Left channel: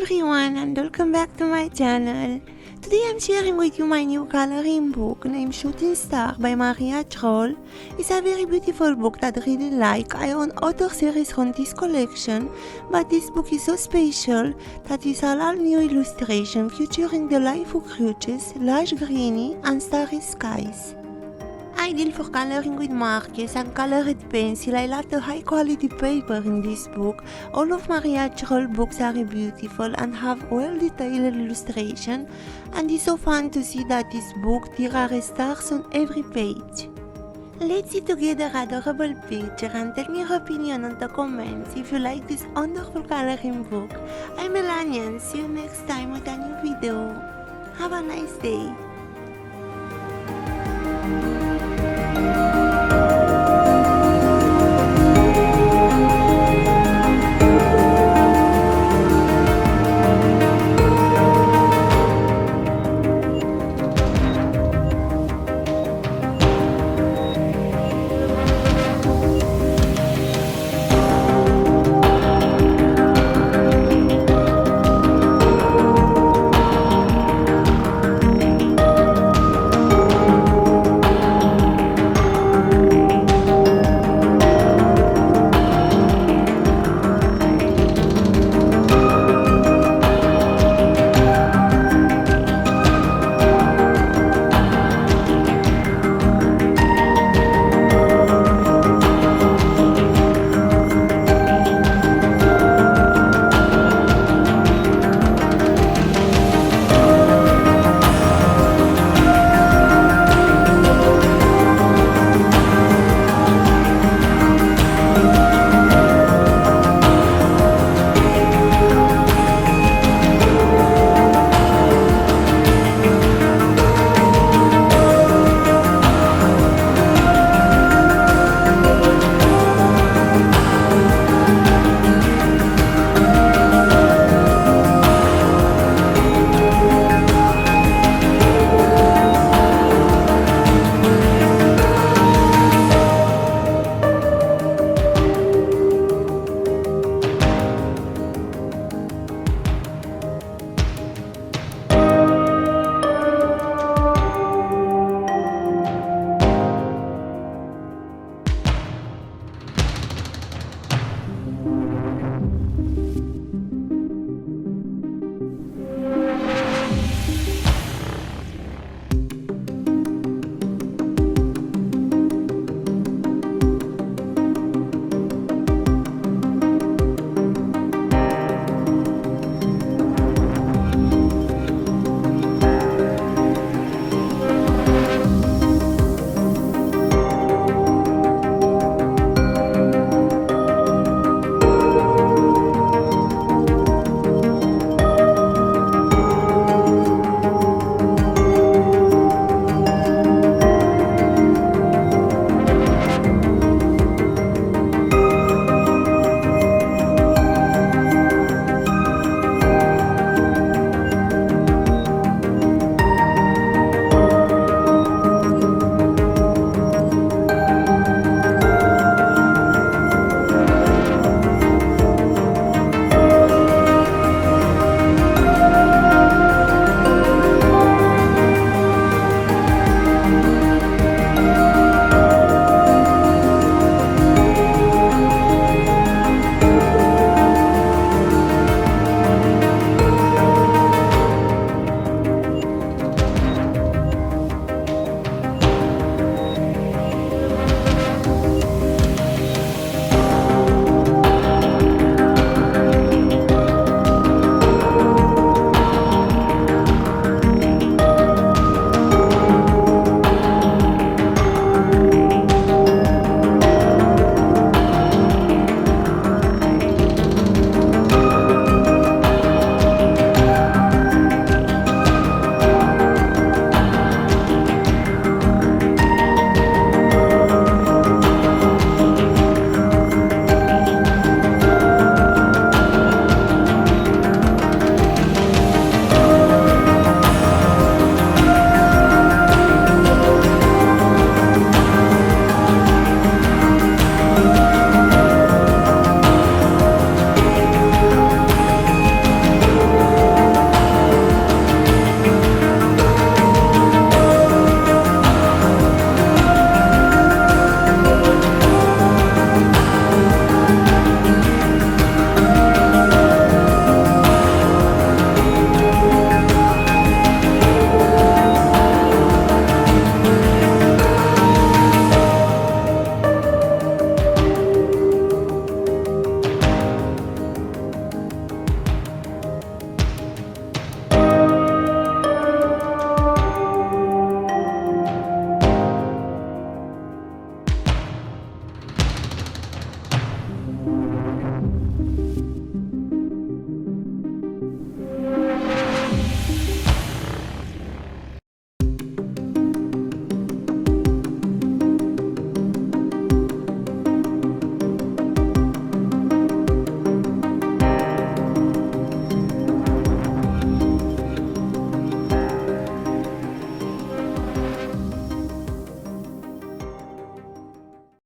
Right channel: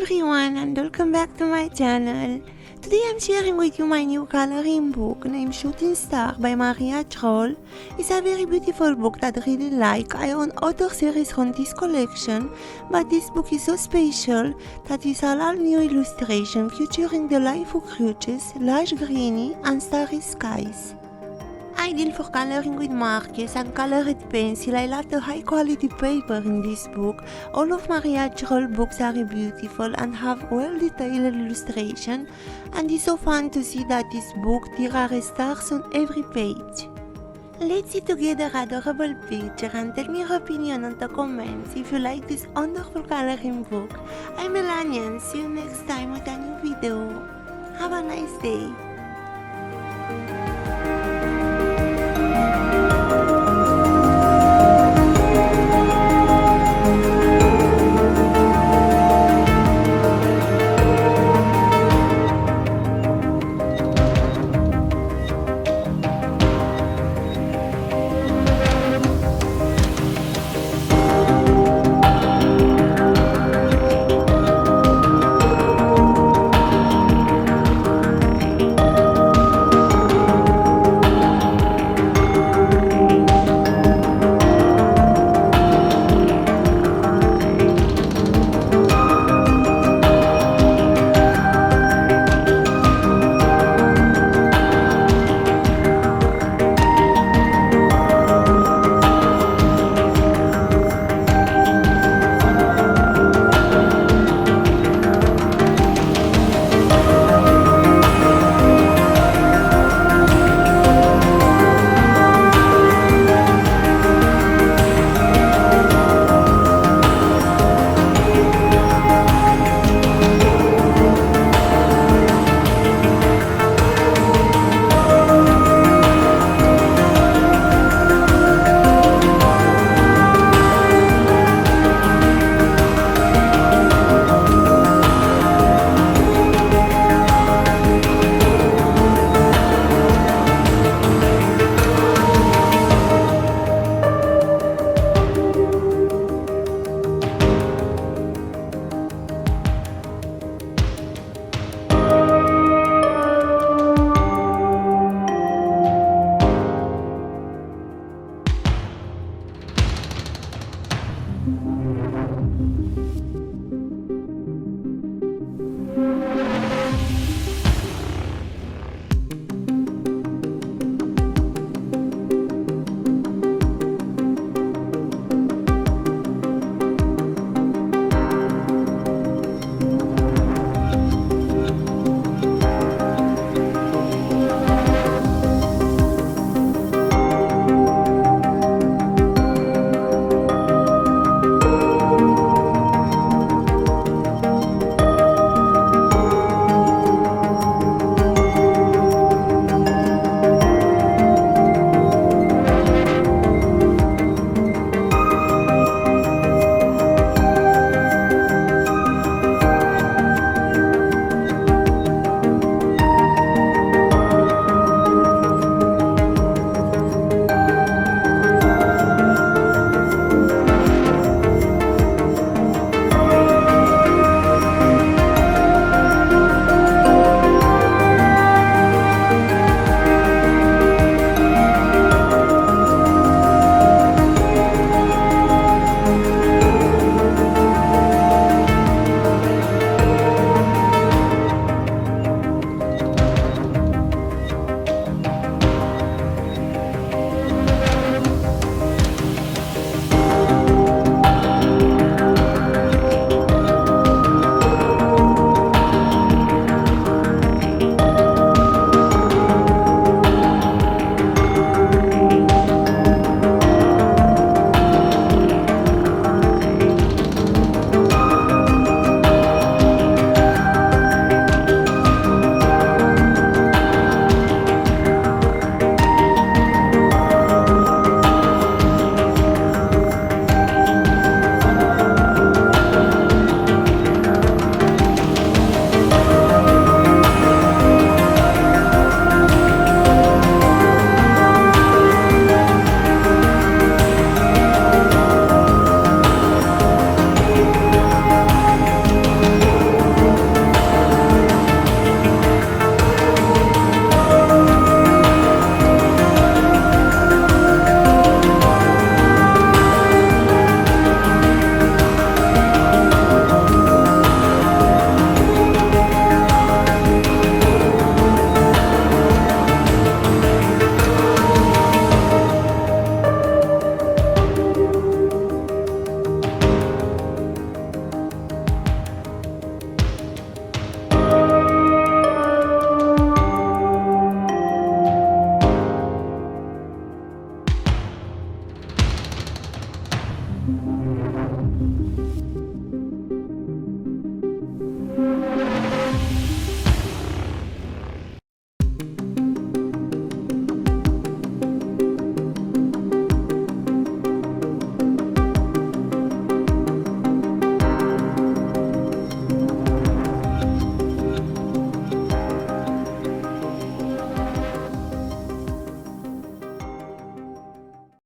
everyone and welcome back to my channel. Today I'm sharing with you my new coloring book named Shooting Star by Maria Trolle. It's a very beautiful book that I really like. I own other series from this collection, but this book is so special that it's a all new illustration featuring the life of creatures, lush greeny and starry skies. Ideal for coloring with markers and colored pencil. I love the high quality paper in this book. All of Maria Trolle books are beautiful and have well detailed illustration, and it's so fun to see that this book there are stars on every page. Let's see together adorable picture and tell me your opinion on the comments if you like this wonderful coloring book. I'm Melania and see you next time with a new video. Have a nice day.